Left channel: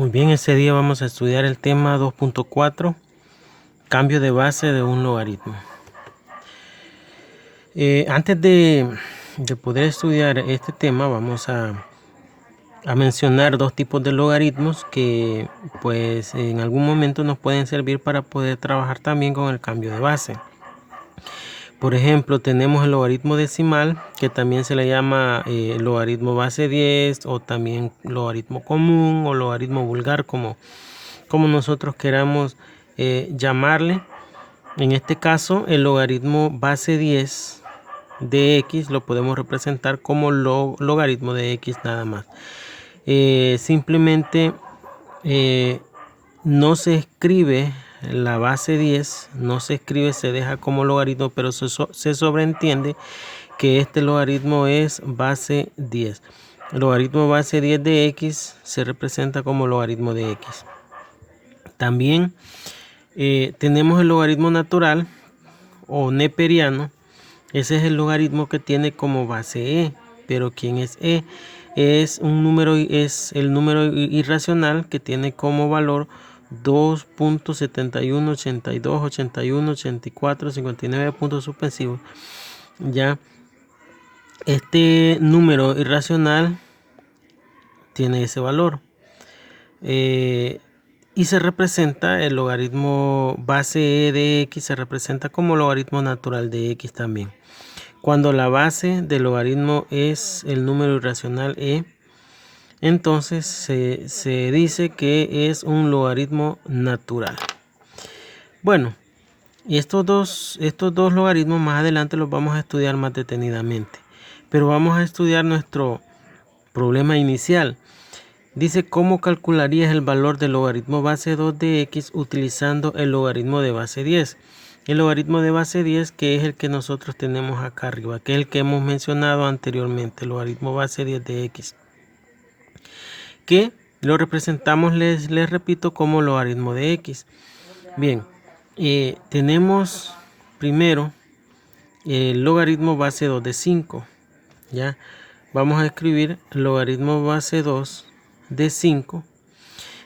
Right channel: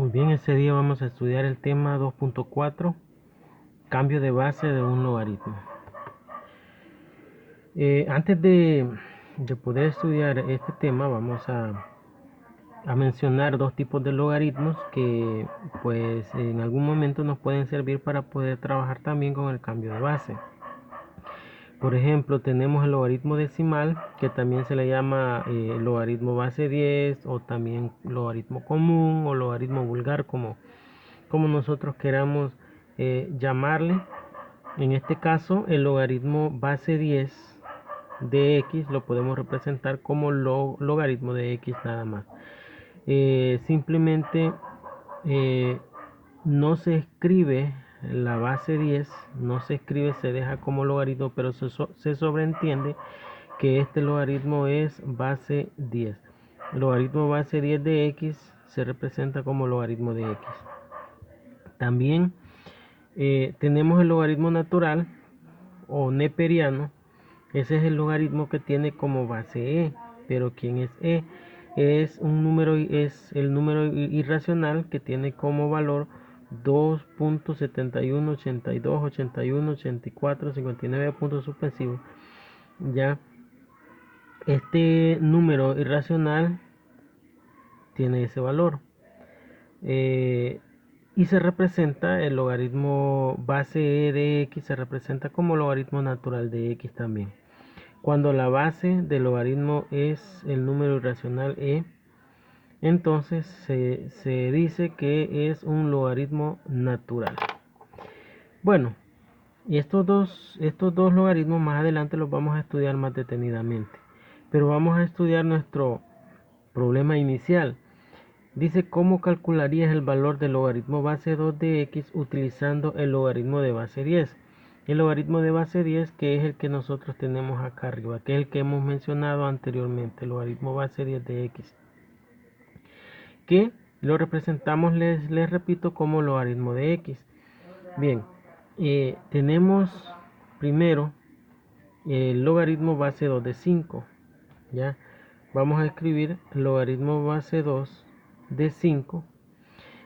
Muy bien, ese día vamos a estudiar el tema 2.4, cambio de base de un logaritmo. Antes de poder estudiar este tema, vamos a mencionar dos tipos de logaritmos que pues en algún momento nos pueden servir para poder trabajar también con el cambio de base. Por ejemplo, tenemos el logaritmo decimal, que también se le llama logaritmo base 10 o también logaritmo común o logaritmo vulgar, como nosotros queramos llamarle. En este caso, el logaritmo base 10 de x lo podemos representar como logaritmo de x nada más. Simplemente no se escribe la base 10, no se escribe, se deja como logaritmo, pero se sobreentiende que este logaritmo es base 10. El logaritmo base 10 de x se representa como logaritmo de x. También tenemos el logaritmo natural o neperiano. Ese es el logaritmo que tiene como base e. Pero ¿quién es e? Es el número irracional que tiene como valor 2.71, 82, 81, 84, 59 puntos suspensivos. Ya este número irracional tiene ese valor. Y se representa el logaritmo base e de x, se representa como logaritmo natural de x también. Cuando la base del logaritmo es el número irracional e, entonces se dice que es un logaritmo natural. Bueno, estos dos logaritmos más adelante los vamos a estudiar más detenidamente. Pero vamos a estudiar nuestro problema inicial. Dice, ¿cómo calcularías el valor del logaritmo base 2 de x utilizando el logaritmo de base 10? El logaritmo de base 10, que es el que nosotros tenemos acá arriba, que es el que hemos mencionado anteriormente, el logaritmo base 10 de x, que lo representamos, les repito, como logaritmo de x. Bien, tenemos primero el logaritmo base 2 de 5, ¿ya? Vamos a escribir el logaritmo base 2 de 5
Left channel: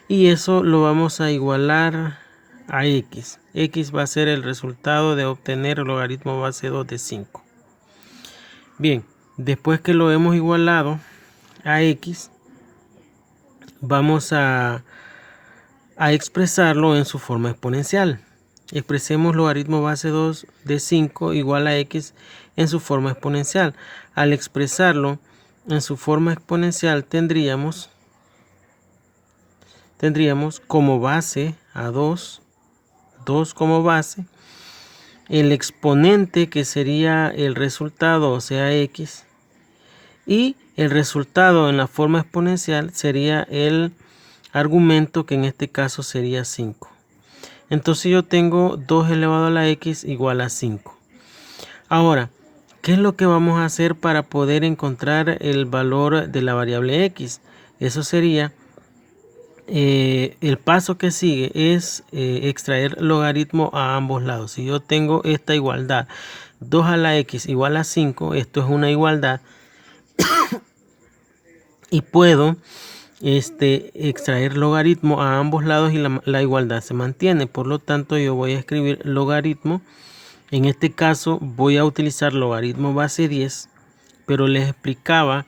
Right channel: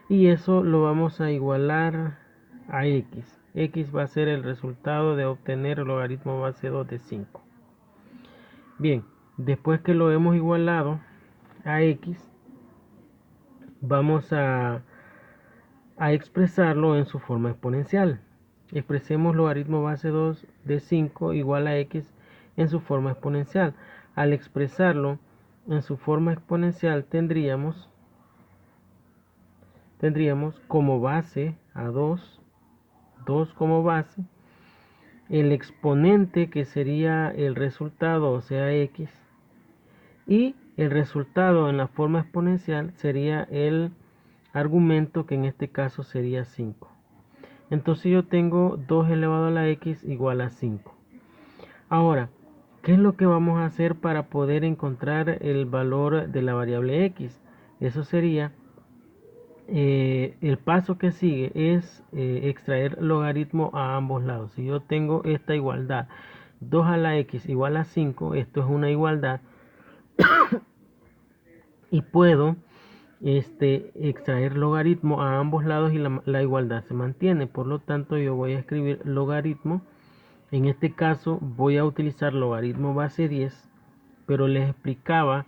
y eso lo vamos a igualar a x. X va a ser el resultado de obtener el logaritmo base 2 de 5. Bien, después que lo hemos igualado a x, vamos a expresarlo en su forma exponencial. Expresemos logaritmo base 2 de 5 igual a x en su forma exponencial. Al expresarlo en su forma exponencial tendríamos como base a 2 como base, el exponente que sería el resultado, o sea x, y el resultado en la forma exponencial sería el argumento, que en este caso sería 5. Entonces yo tengo 2 elevado a la x igual a 5. Ahora, ¿qué es lo que vamos a hacer para poder encontrar el valor de la variable x? Eso sería, el paso que sigue es extraer logaritmo a ambos lados. Si yo tengo esta igualdad, 2 a la x igual a 5, esto es una igualdad, y puedo extraer logaritmo a ambos lados y la igualdad se mantiene. Por lo tanto, yo voy a escribir logaritmo. En este caso voy a utilizar logaritmo base 10, pero les explicaba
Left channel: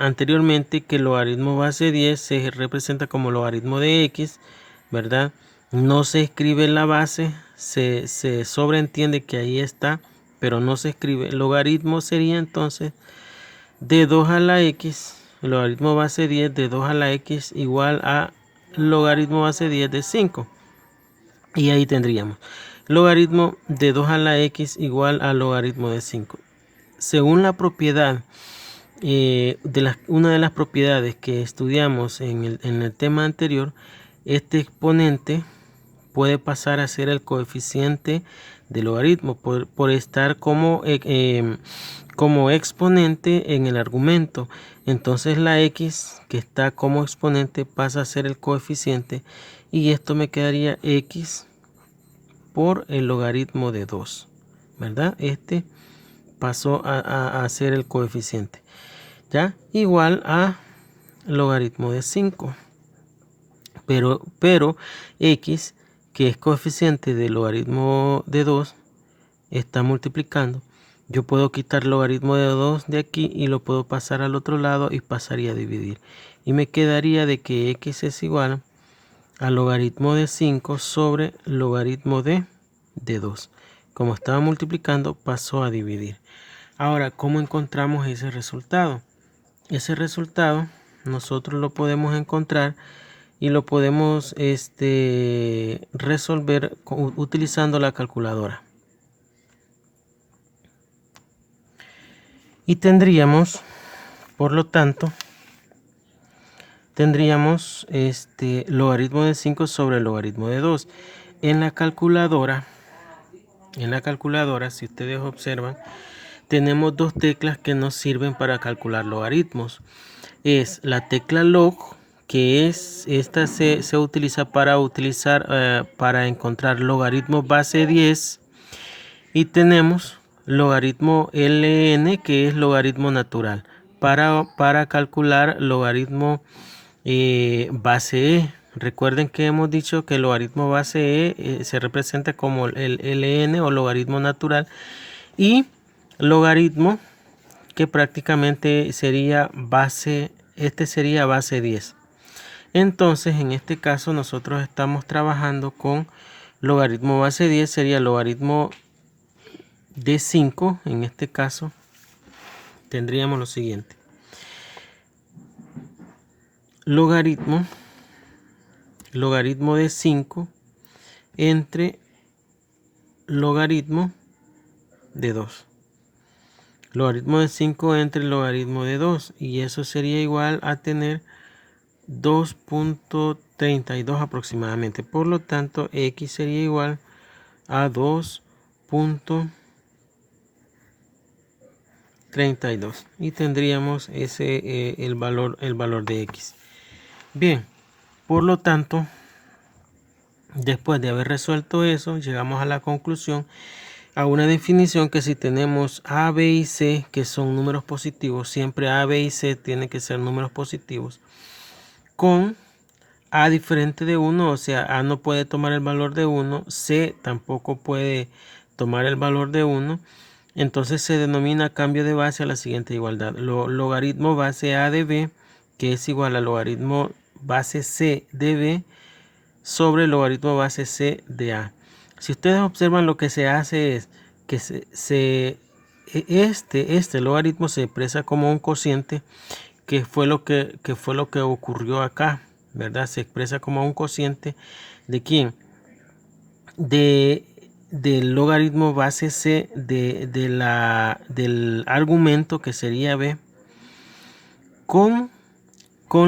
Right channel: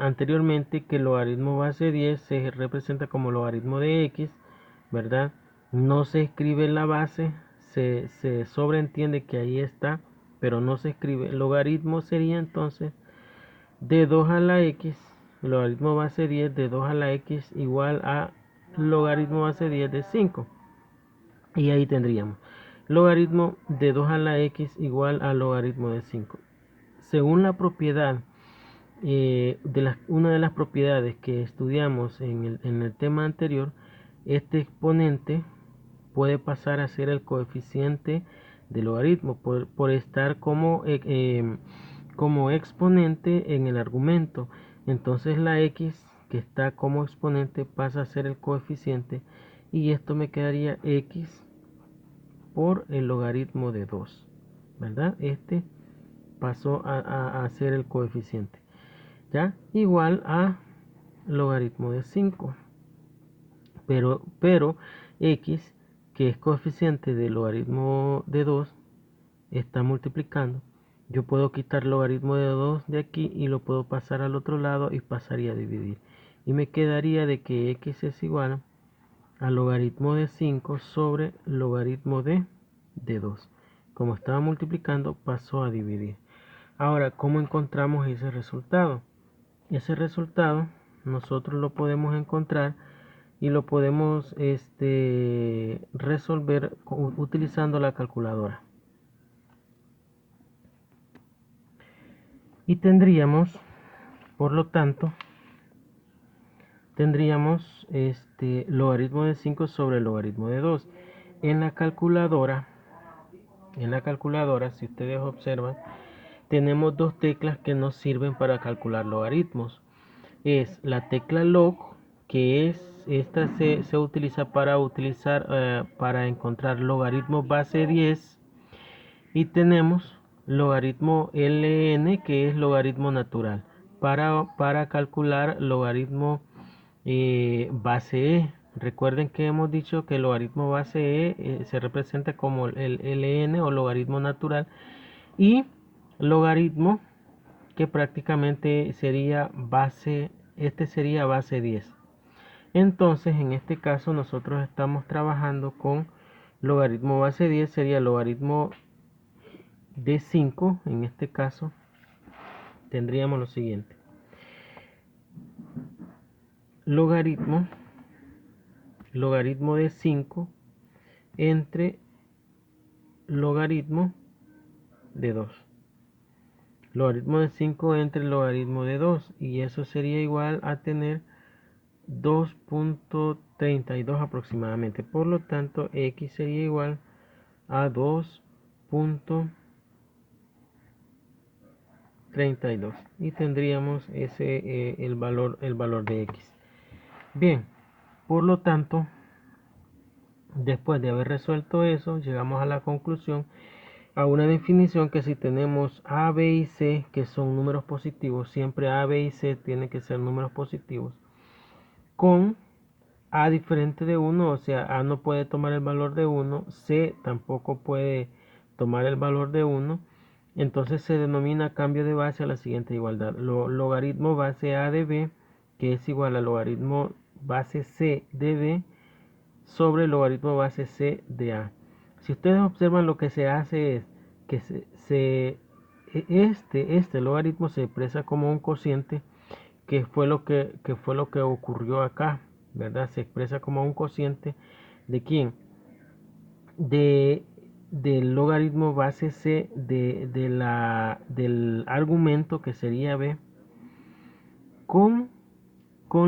anteriormente que el logaritmo base 10 se representa como logaritmo de x, ¿verdad? No se escribe la base, se sobreentiende que ahí está, pero no se escribe. El logaritmo sería entonces de 2 a la x, el logaritmo base 10 de 2 a la x igual a logaritmo base 10 de 5. Y ahí tendríamos logaritmo de 2 a la x igual a logaritmo de 5. Según la propiedad, una de las propiedades que estudiamos en el tema anterior, este exponente puede pasar a ser el coeficiente del logaritmo por estar como exponente en el argumento. Entonces la x que está como exponente pasa a ser el coeficiente y esto me quedaría x por el logaritmo de 2, ¿verdad? Este pasó a ser el coeficiente, ¿ya? Igual a logaritmo de 5. pero x, que es coeficiente del logaritmo de 2, está multiplicando. Yo puedo quitar el logaritmo de 2 de aquí y lo puedo pasar al otro lado y pasaría a dividir. Y me quedaría de que x es igual al logaritmo de 5 sobre logaritmo de 2. Como estaba multiplicando, pasó a dividir. Ahora, ¿cómo encontramos ese resultado? Ese resultado nosotros lo podemos encontrar y lo podemos resolver utilizando la calculadora. Y tendríamos, por lo tanto, tendríamos logaritmo de 5 sobre el logaritmo de 2. En la calculadora, si ustedes observan, tenemos dos teclas que nos sirven para calcular logaritmos. Es la tecla log, que esta se utiliza para encontrar logaritmos base 10, y tenemos logaritmo ln, que es logaritmo natural, para calcular logaritmo base e. Recuerden que hemos dicho que el logaritmo base e se representa como el ln o logaritmo natural, y logaritmo que prácticamente sería sería base 10. Entonces, en este caso nosotros estamos trabajando con logaritmo base 10, sería logaritmo de 5. En este caso tendríamos lo siguiente: logaritmo de 5 entre logaritmo de 2. Logaritmo de 5 entre logaritmo de 2, y eso sería igual a tener 2.32 aproximadamente. Por lo tanto, x sería igual a 2.32 y tendríamos el valor de x. Bien, por lo tanto, después de haber resuelto eso, llegamos a la conclusión, a una definición, que si tenemos a, b y c, que son números positivos, siempre a, b y c tienen que ser números positivos, con a diferente de 1, o sea, a no puede tomar el valor de 1, c tampoco puede tomar el valor de 1, entonces se denomina cambio de base a la siguiente igualdad: logaritmo base a de b, que es igual a logaritmo base c de b sobre logaritmo base c de a. Si ustedes observan, lo que se hace es que este logaritmo se expresa como un cociente, que fue lo que ocurrió acá, ¿verdad? Se expresa como un cociente ¿de quién? Del logaritmo base c del argumento, que sería b, con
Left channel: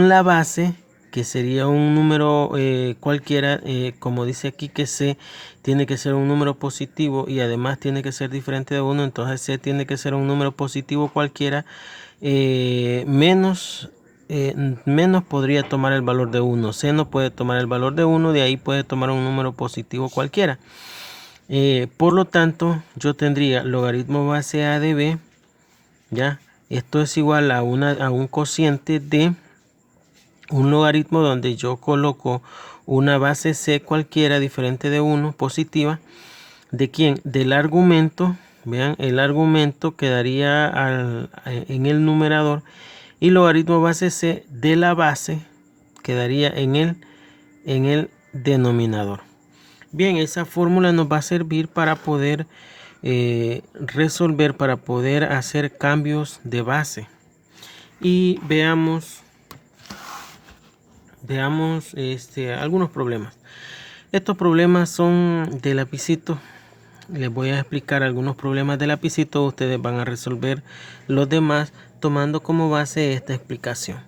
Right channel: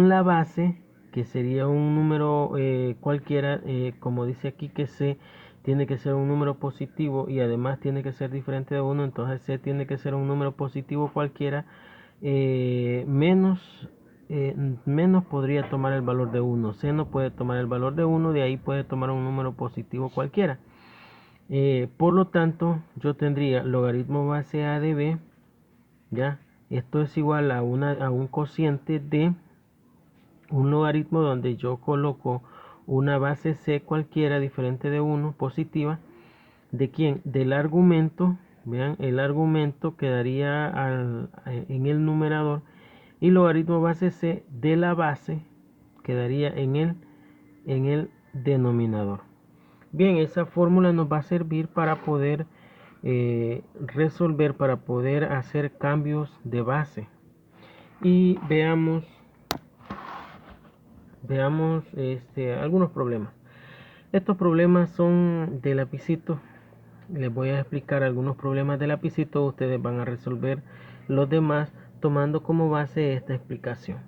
la base, que sería un número cualquiera, como dice aquí que c tiene que ser un número positivo y además tiene que ser diferente de 1, entonces c tiene que ser un número positivo cualquiera, menos podría tomar el valor de 1. C no puede tomar el valor de 1, de ahí puede tomar un número positivo cualquiera. Por lo tanto, yo tendría logaritmo base a de b, ¿ya? Esto es igual a un cociente de un logaritmo donde yo coloco una base c cualquiera diferente de 1 positiva. ¿De quién? Del argumento. Vean, el argumento quedaría en el numerador, y logaritmo base c de la base quedaría en el denominador. Bien, esa fórmula nos va a servir para poder resolver, para poder hacer cambios de base. Y veamos algunos problemas. Estos problemas son de lapicito. Les voy a explicar algunos problemas de lapicito. Ustedes van a resolver los demás tomando como base esta explicación.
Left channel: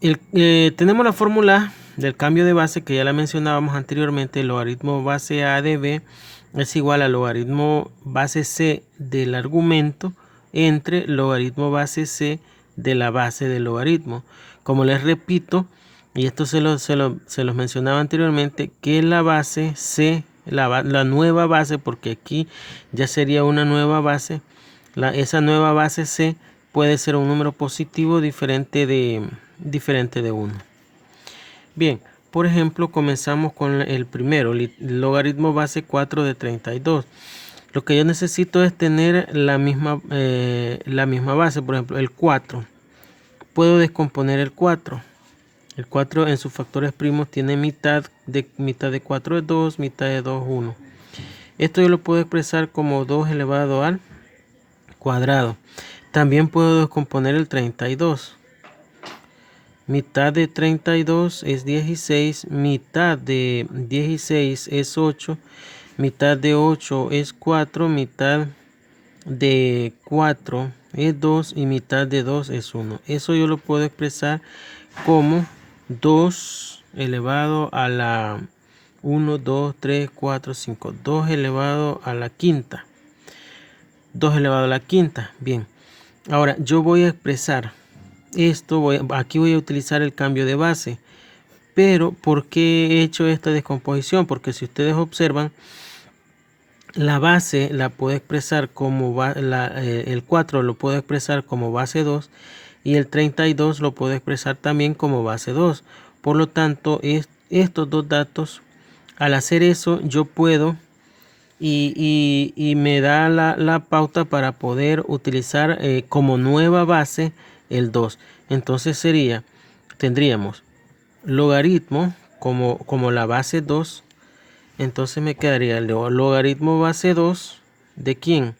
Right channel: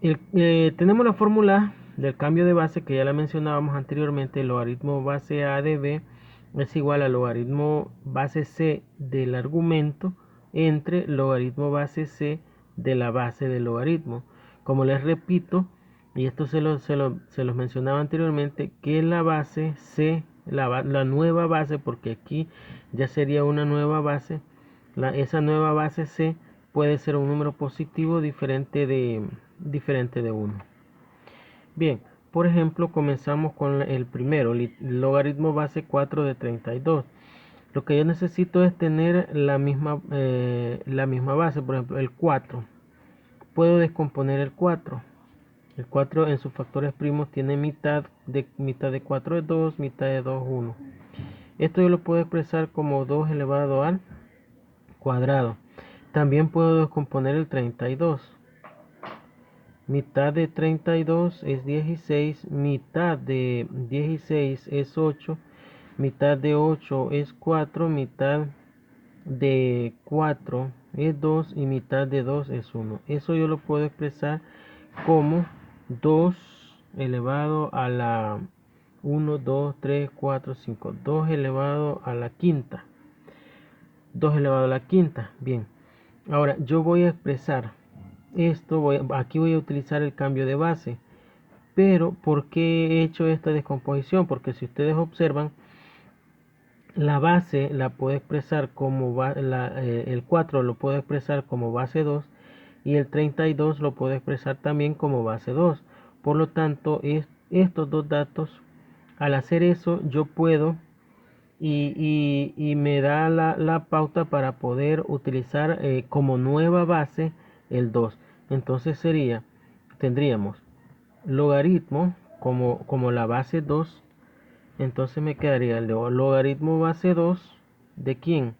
Tenemos la fórmula del cambio de base, que ya la mencionábamos anteriormente. El logaritmo base a de b es igual a logaritmo base c del argumento entre logaritmo base c de la base del logaritmo. Como les repito, y esto se los mencionaba anteriormente, que la base c, la nueva base, porque aquí ya sería una nueva base, esa nueva base c puede ser un número positivo diferente de 1. Bien, por ejemplo, comenzamos con el primero, el logaritmo base 4 de 32. Lo que yo necesito es tener la misma base, por ejemplo, el 4. Puedo descomponer el 4. El 4 en sus factores primos tiene mitad de 4 es 2, mitad de 2 1. Esto yo lo puedo expresar como 2 elevado al cuadrado. También puedo descomponer el 32. Mitad de 32 es 16, mitad de 16 es 8, mitad de 8 es 4, mitad de 4 es 2 y mitad de 2 es 1. Eso yo lo puedo expresar como 2 elevado a la 1, 2, 3, 4, 5. 2 elevado a la quinta. 2 elevado a la quinta. Bien. Ahora yo voy a expresar esto. Aquí voy a utilizar el cambio de base. Pero ¿por qué he hecho esta descomposición? Porque si ustedes observan, la base la puedo expresar como el 4 lo puedo expresar como base 2 y el 32 lo puedo expresar también como base 2. Por lo tanto, estos dos datos, al hacer eso, yo puedo y me da la pauta para poder utilizar como nueva base el 2. Entonces tendríamos logaritmo como la base 2. Entonces me quedaría el logaritmo base 2 de ¿quién?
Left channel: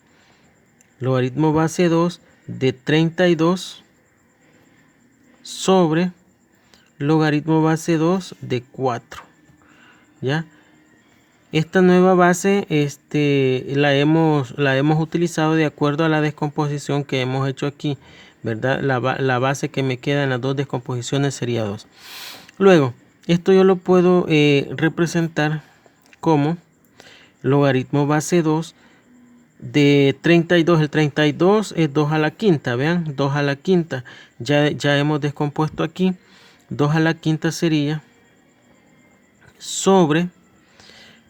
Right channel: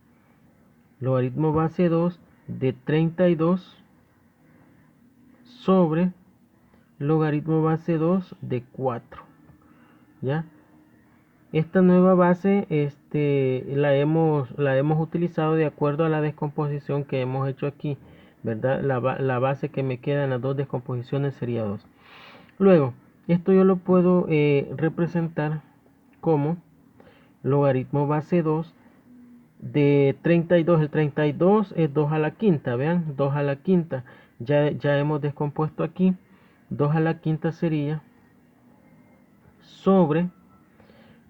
Logaritmo base 2 de 32 sobre logaritmo base 2 de 4. ¿Ya? Esta nueva base la hemos utilizado de acuerdo a la descomposición que hemos hecho aquí, ¿verdad? La base que me queda en las dos descomposiciones sería 2. Luego, esto yo lo puedo representar como logaritmo base 2 de 32. El 32 es 2 a la quinta, vean, 2 a la quinta. Ya hemos descompuesto aquí. 2 a la quinta sería sobre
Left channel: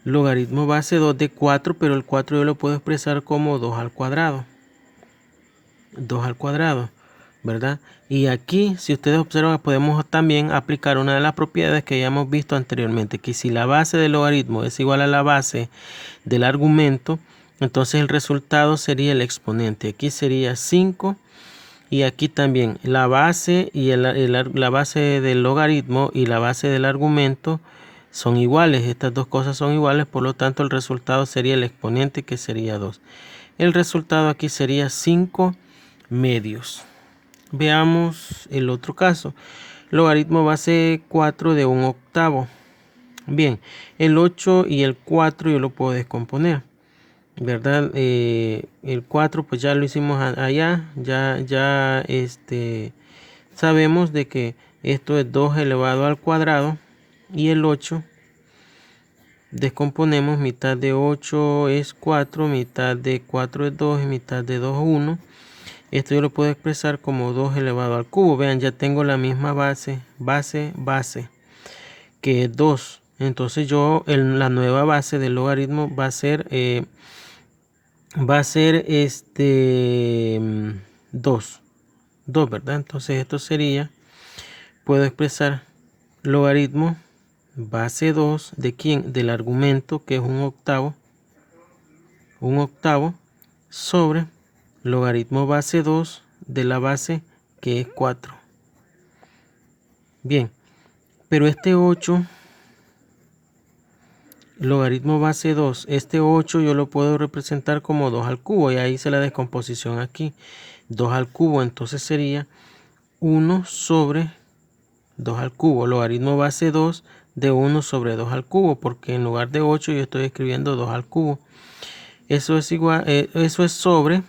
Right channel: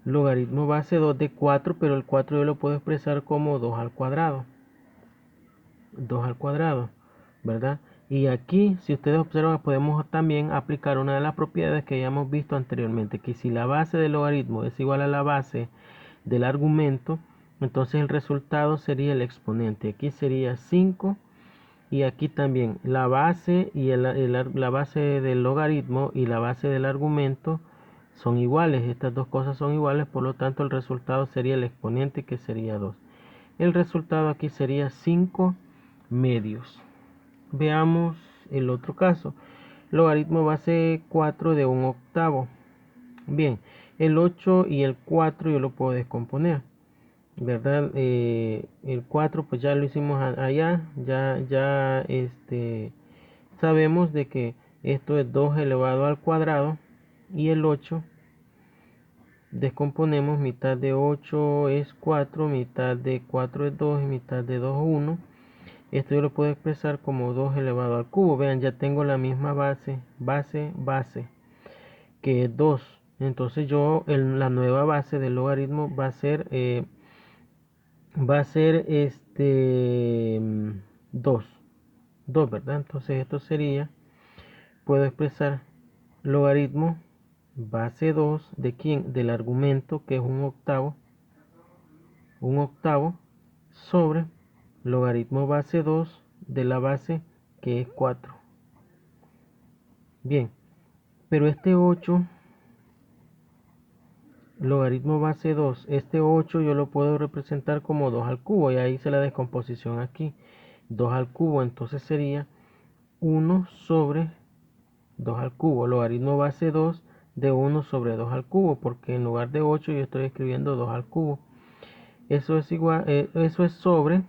logaritmo base 2 de 4, pero el 4 yo lo puedo expresar como 2 al cuadrado. 2 al cuadrado, ¿verdad? Y aquí, si ustedes observan, podemos también aplicar una de las propiedades que ya hemos visto anteriormente, que si la base del logaritmo es igual a la base del argumento, entonces el resultado sería el exponente. Aquí sería 5 y aquí también la base y la base del logaritmo y la base del argumento son iguales. Estas dos cosas son iguales, por lo tanto el resultado sería el exponente, que sería 2. El resultado aquí sería 5 medios. Veamos el otro caso. Logaritmo base 4 de 1 octavo. Bien, el 8 y el 4 yo lo puedo descomponer, ¿verdad? El 4 pues ya lo hicimos allá. Ya sabemos de que esto es 2 elevado al cuadrado. Y el 8 descomponemos, mitad de 8 es 4, mitad de 4 es 2 y mitad de 2 es 1. Esto yo lo puedo expresar como 2 elevado al cubo. Vean, ya tengo la misma base, que es 2. Entonces la nueva base del logaritmo va a ser 2. 2, ¿verdad? Entonces esto sería, puedo expresar logaritmo base 2 de ¿quién? Del argumento, que es 1 octavo. 1 octavo sobre logaritmo base 2 de la base, que es 4. Bien, pero este 8, logaritmo base 2, este 8 yo lo puedo representar como 2 al cubo, y ahí hice la descomposición aquí. 2 al cubo, entonces sería 1 sobre 2 al cubo, logaritmo base 2 de 1 sobre 2 al cubo, porque en lugar de 8 yo estoy escribiendo 2 al cubo. Eso es igual, eso es sobre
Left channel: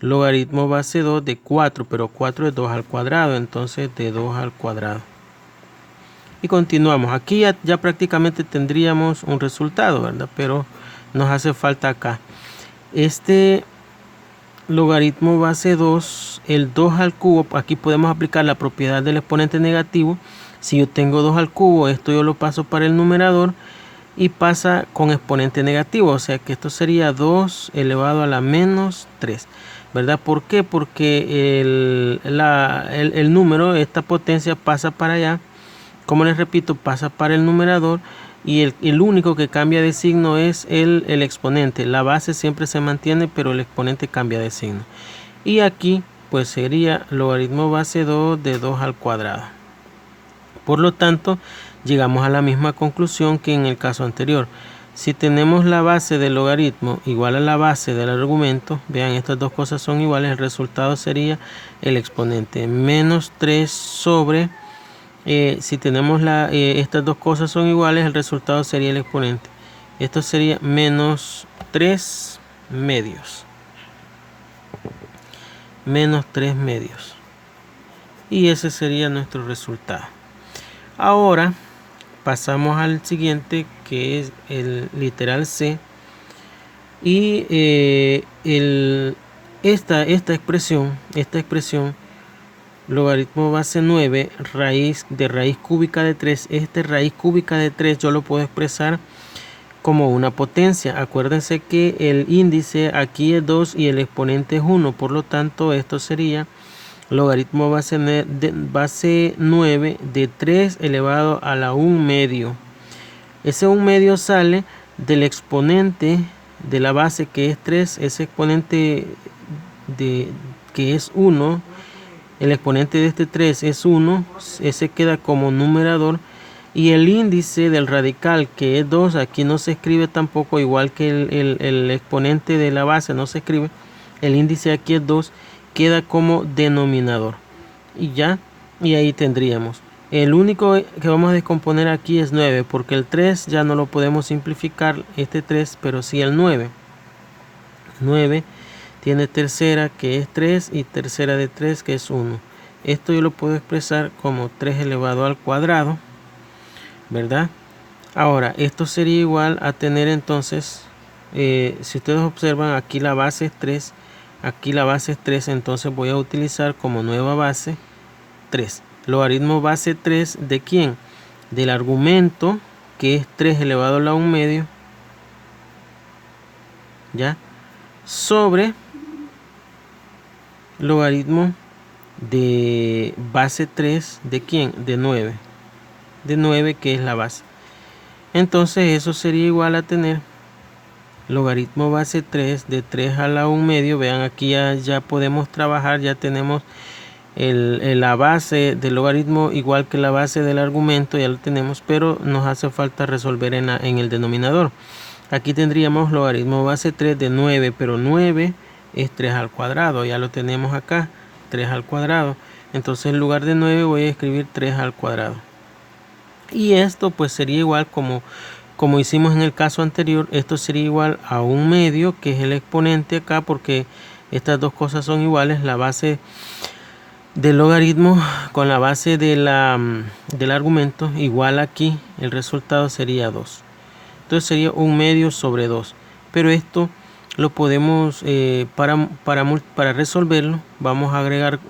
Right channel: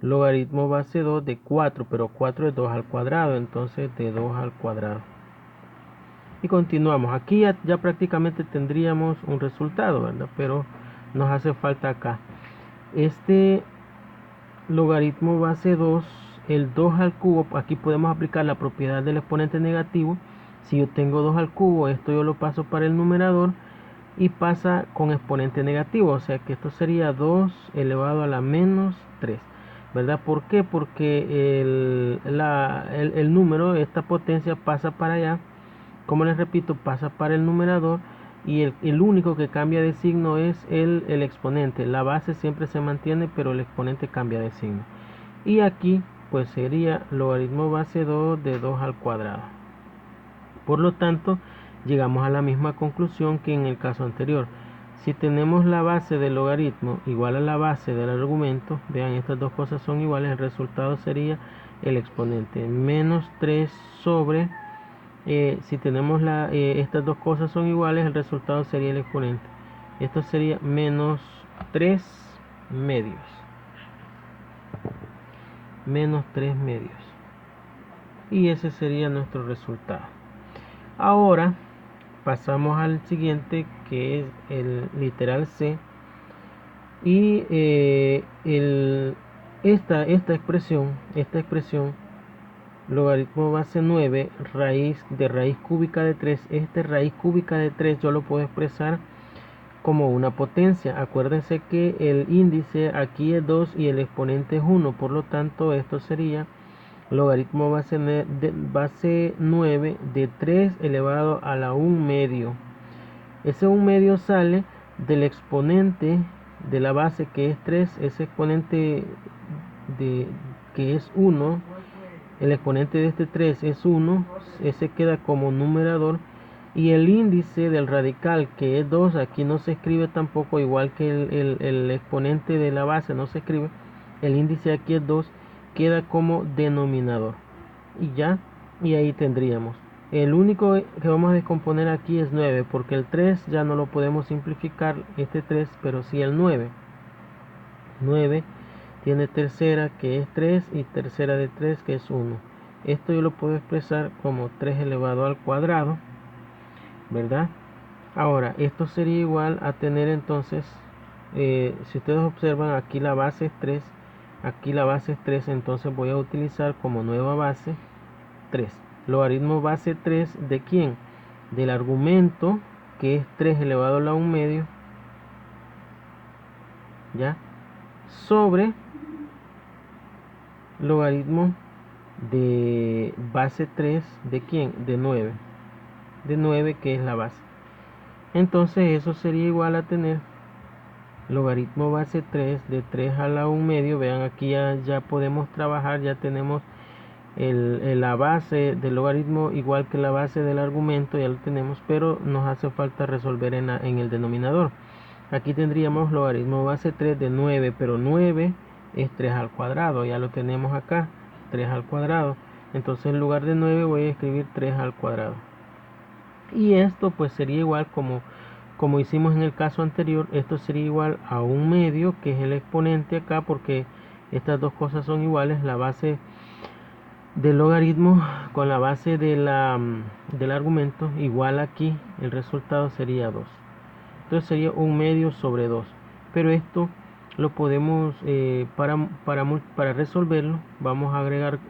logaritmo base 2 de 4, pero 4 es 2 al cuadrado, entonces de 2 al cuadrado. Y continuamos. Aquí ya prácticamente tendríamos un resultado, ¿verdad? Pero nos hace falta acá. Este logaritmo base 2, el 2 al cubo, aquí podemos aplicar la propiedad del exponente negativo. Si yo tengo 2 al cubo, esto yo lo paso para el numerador y pasa con exponente negativo, o sea que esto sería 2 elevado a la menos 3, ¿verdad? ¿Por qué? Porque el número, esta potencia pasa para allá como les repito, pasa para el numerador y el único que cambia de signo es el exponente. La base siempre se mantiene, pero el exponente cambia de signo. Y aquí pues sería logaritmo base 2 de 2 al cuadrado. Por lo tanto, llegamos a la misma conclusión que en el caso anterior. Si tenemos la base del logaritmo igual a la base del argumento, vean, estas dos cosas son iguales, el resultado sería el exponente. Menos 3 sobre, si tenemos estas dos cosas son iguales, el resultado sería el exponente. Esto sería menos 3 medios. Menos 3 medios. Y ese sería nuestro resultado. Ahora pasamos al siguiente, que es el literal C. Y esta expresión, logaritmo base 9, raíz cúbica de 3. Raíz cúbica de 3 yo lo puedo expresar como una potencia. Acuérdense que el índice aquí es 2 y el exponente es 1. Por lo tanto, esto sería logaritmo base 9 de 3 elevado a la 1 medio. Ese 1 medio sale del exponente de la base, que es 3. Ese exponente que es 1, el exponente de este 3 es 1. Ese queda como numerador. Y el índice del radical, que es 2, aquí no se escribe tampoco, igual que el exponente de la base no se escribe. El índice aquí es 2, queda como denominador. Y ya, y ahí tendríamos. El único que vamos a descomponer aquí es 9, porque el 3 ya no lo podemos simplificar, este 3, pero sí el 9. 9 tiene tercera, que es 3, y tercera de 3, que es 1. Esto yo lo puedo expresar como 3 elevado al cuadrado, ¿verdad? Ahora, esto sería igual a tener entonces, si ustedes observan, aquí la base es 3, aquí la base es 3, entonces voy a utilizar como nueva base 3. Logaritmo base 3 de ¿quién? Del argumento, que es 3 elevado a la 1 medio, ¿ya? Sobre logaritmo de base 3 de ¿quién? De 9. De 9, que es la base. Entonces eso sería igual a tener logaritmo base 3 de 3 a la 1 medio. Vean, aquí ya podemos trabajar, ya tenemos la base del logaritmo igual que la base del argumento, ya lo tenemos, pero nos hace falta resolver en el denominador. Aquí tendríamos logaritmo base 3 de 9, pero 9 es 3 al cuadrado, ya lo tenemos acá, 3 al cuadrado. Entonces en lugar de 9 voy a escribir 3 al cuadrado. Y esto pues sería igual como hicimos en el caso anterior. Esto sería igual a 1 medio, que es el exponente acá, porque estas dos cosas son iguales, la base del logaritmo con la base del argumento, igual aquí el resultado sería 2. Entonces sería 1 medio sobre 2. Pero esto lo podemos, para resolverlo, vamos a agregar,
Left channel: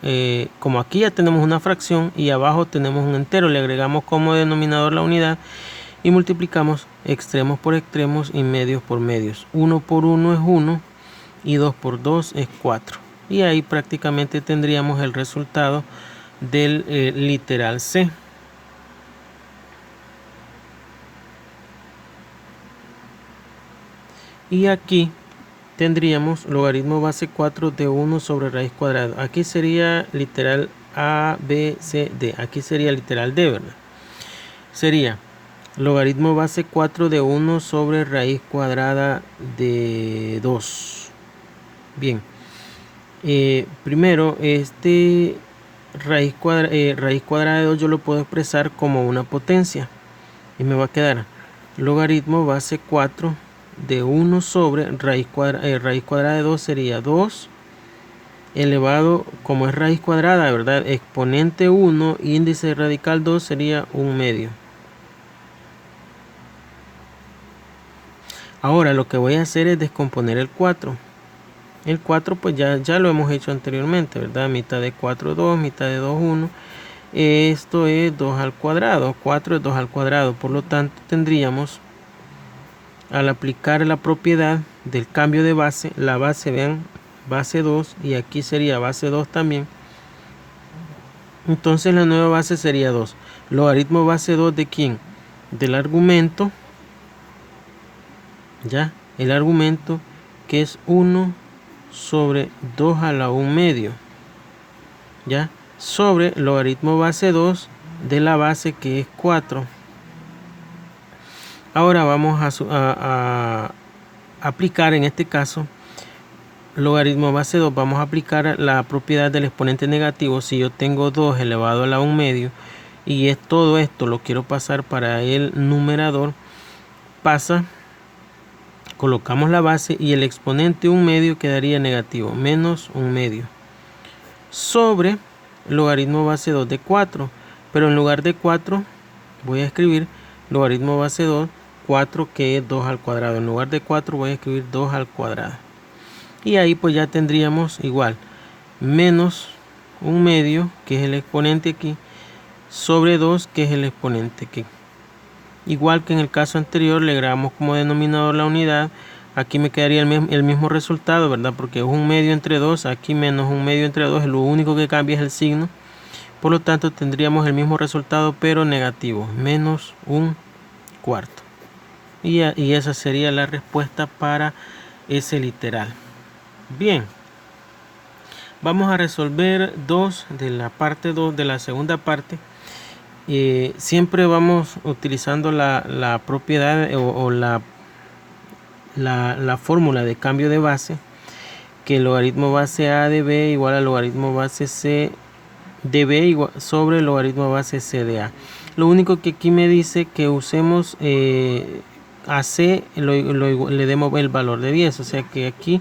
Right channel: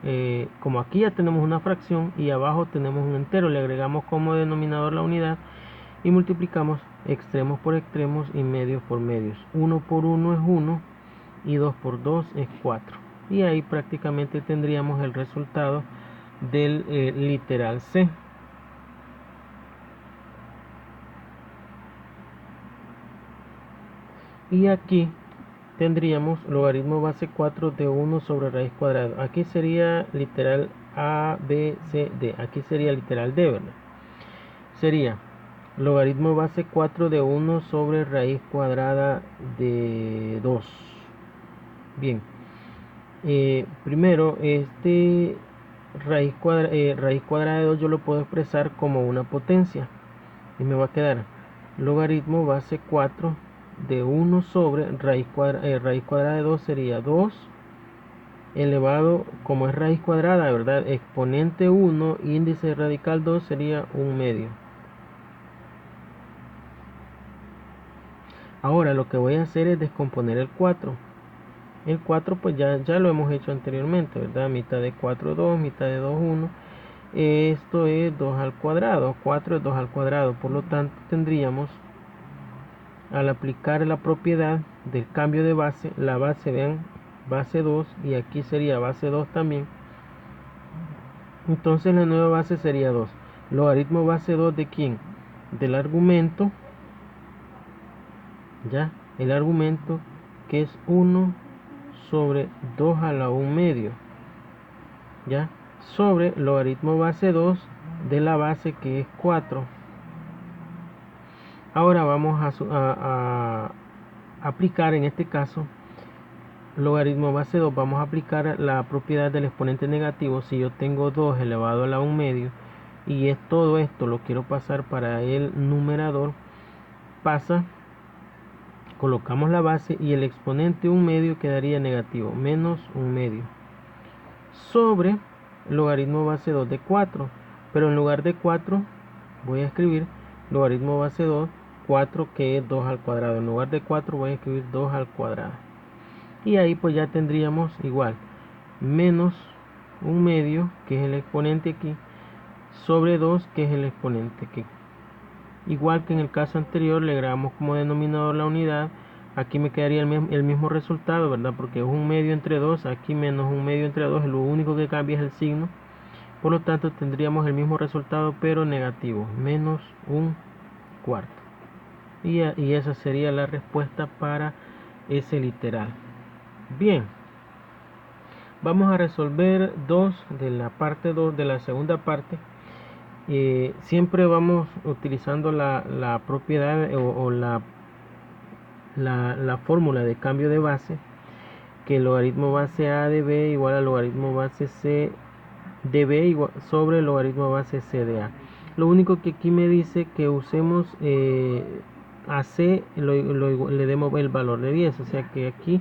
como aquí ya tenemos una fracción y abajo tenemos un entero, le agregamos como denominador la unidad y multiplicamos extremos por extremos y medios por medios. 1 por 1 es 1 y 2 por 2 es 4. Y ahí prácticamente tendríamos el resultado del literal C. Y aquí tendríamos logaritmo base 4 de 1 sobre raíz cuadrada. Aquí sería literal A, B, C, D. Aquí sería literal D, ¿verdad? Sería logaritmo base 4 de 1 sobre raíz cuadrada de 2. Bien. Primero, raíz cuadrada de 2 yo lo puedo expresar como una potencia. Y me va a quedar logaritmo base 4 de 1 sobre raíz cuadrada de 2 sería 2 elevado, como es raíz cuadrada, ¿verdad? Exponente 1, índice radical 2 sería 1 medio. Ahora lo que voy a hacer es descomponer el 4. El 4 pues ya lo hemos hecho anteriormente, ¿verdad? Mitad de 4, 2, mitad de 2, 1. Esto es 2 al cuadrado, 4 es 2 al cuadrado. Por lo tanto tendríamos, al aplicar la propiedad del cambio de base, la base, vean, base 2, y aquí sería base 2 también, Entonces la nueva base sería 2. Logaritmo base 2 ¿de quién? Del argumento. Ya, el argumento que es 1 sobre 2 a la 1 medio. Ya, sobre logaritmo base 2 de la base que es 4. Ahora vamos a aplicar en este caso logaritmo base 2. Vamos a aplicar la propiedad del exponente negativo. Si yo tengo 2 elevado a la 1 medio y es todo esto lo quiero pasar para el numerador, colocamos la base y el exponente 1 medio quedaría negativo, menos 1 medio, sobre logaritmo base 2 de 4. Pero en lugar de 4 voy a escribir logaritmo base 2, 4 que es 2 al cuadrado. En lugar de 4 voy a escribir 2 al cuadrado. Y ahí pues ya tendríamos igual, menos 1 medio, que es el exponente aquí, sobre 2, que es el exponente aquí. Igual que en el caso anterior, le agregamos como denominador la unidad. Aquí me quedaría el mismo resultado, ¿verdad? Porque es 1 medio entre 2, aquí menos 1 medio entre 2, lo único que cambia es el signo. Por lo tanto, tendríamos el mismo resultado, pero negativo, menos 1 cuarto. Y esa sería la respuesta para ese literal. Bien, vamos a resolver 2 de la parte 2 de la segunda parte. Siempre vamos utilizando la propiedad o la fórmula de cambio de base, que el logaritmo base a de b igual al logaritmo base c de b igual sobre el logaritmo base c de a. Lo único que aquí me dice que usemos a c le demos el valor de 10, o sea que aquí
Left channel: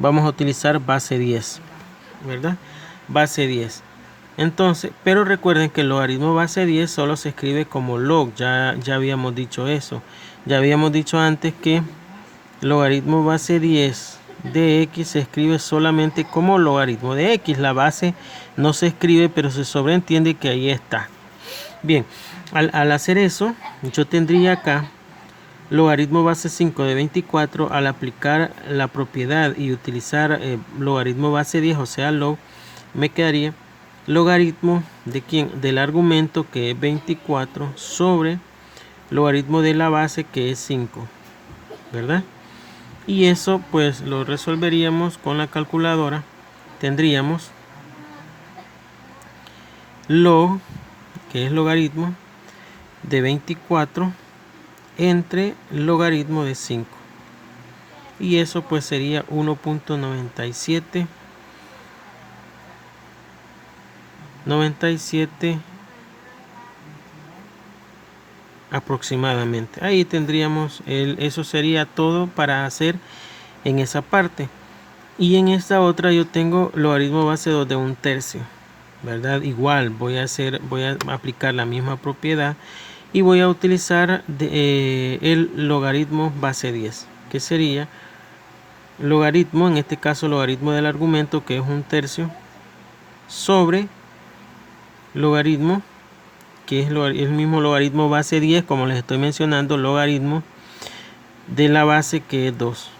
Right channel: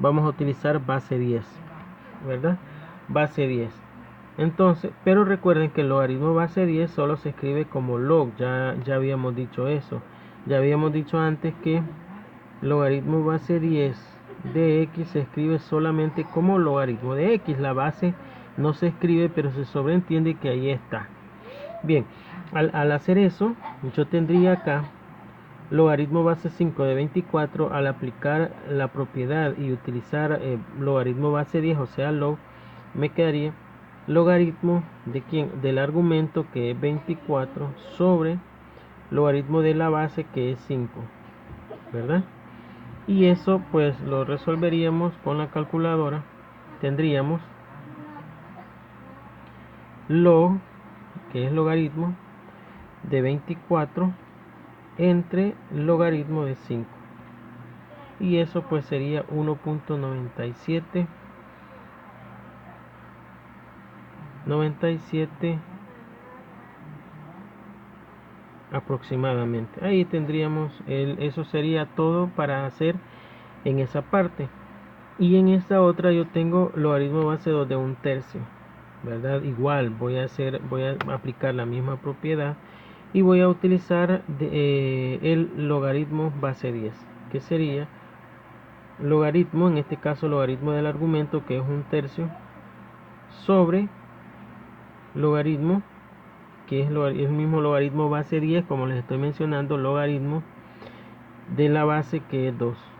vamos a utilizar base 10, ¿verdad? Base 10. Entonces, pero recuerden que el logaritmo base 10 solo se escribe como log. Ya habíamos dicho eso. Ya habíamos dicho antes que logaritmo base 10 de x se escribe solamente como logaritmo de x. La base no se escribe, pero se sobreentiende que ahí está. Bien, al hacer eso, yo tendría acá logaritmo base 5 de 24. Al aplicar la propiedad y utilizar logaritmo base 10, o sea log, me quedaría logaritmo de quién, del argumento que es 24 sobre logaritmo de la base que es 5, ¿verdad? Y eso pues lo resolveríamos con la calculadora. Tendríamos log, que es logaritmo de 24 entre logaritmo de 5, y eso pues sería 1.97 aproximadamente. Ahí tendríamos eso sería todo para hacer en esa parte. Y en esta otra yo tengo logaritmo base 2 de 1/3, ¿verdad? Igual voy a aplicar la misma propiedad y voy a utilizar el logaritmo base 10, que sería logaritmo, en este caso logaritmo del argumento que es 1/3 sobre logaritmo, que es el mismo logaritmo base 10, como les estoy mencionando, logaritmo de la base que es 2.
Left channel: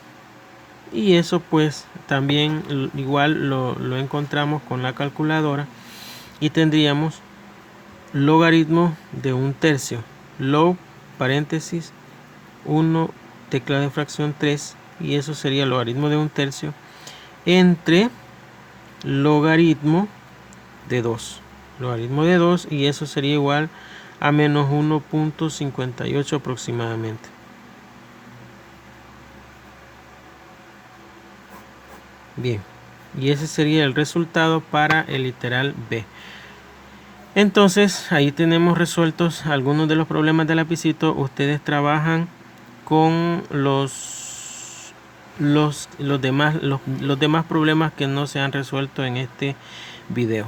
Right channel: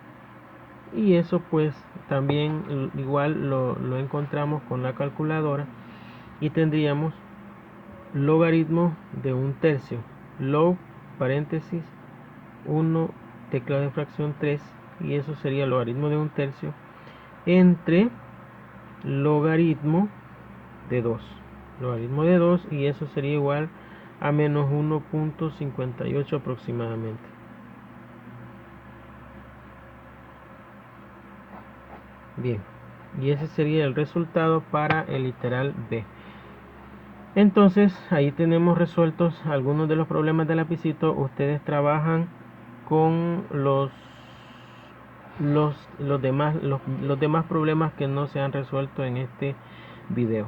Y eso pues también igual lo encontramos con la calculadora y tendríamos logaritmo de 1/3, log paréntesis 1 tecla de fracción 3, y eso sería logaritmo de 1/3 entre logaritmo de 2. Logaritmo de 2, y eso sería igual a menos 1.58 aproximadamente. Bien, y ese sería el resultado para el literal B. Entonces ahí tenemos resueltos algunos de los problemas de lapicito. Ustedes trabajan con los demás problemas que no se han resuelto en este video.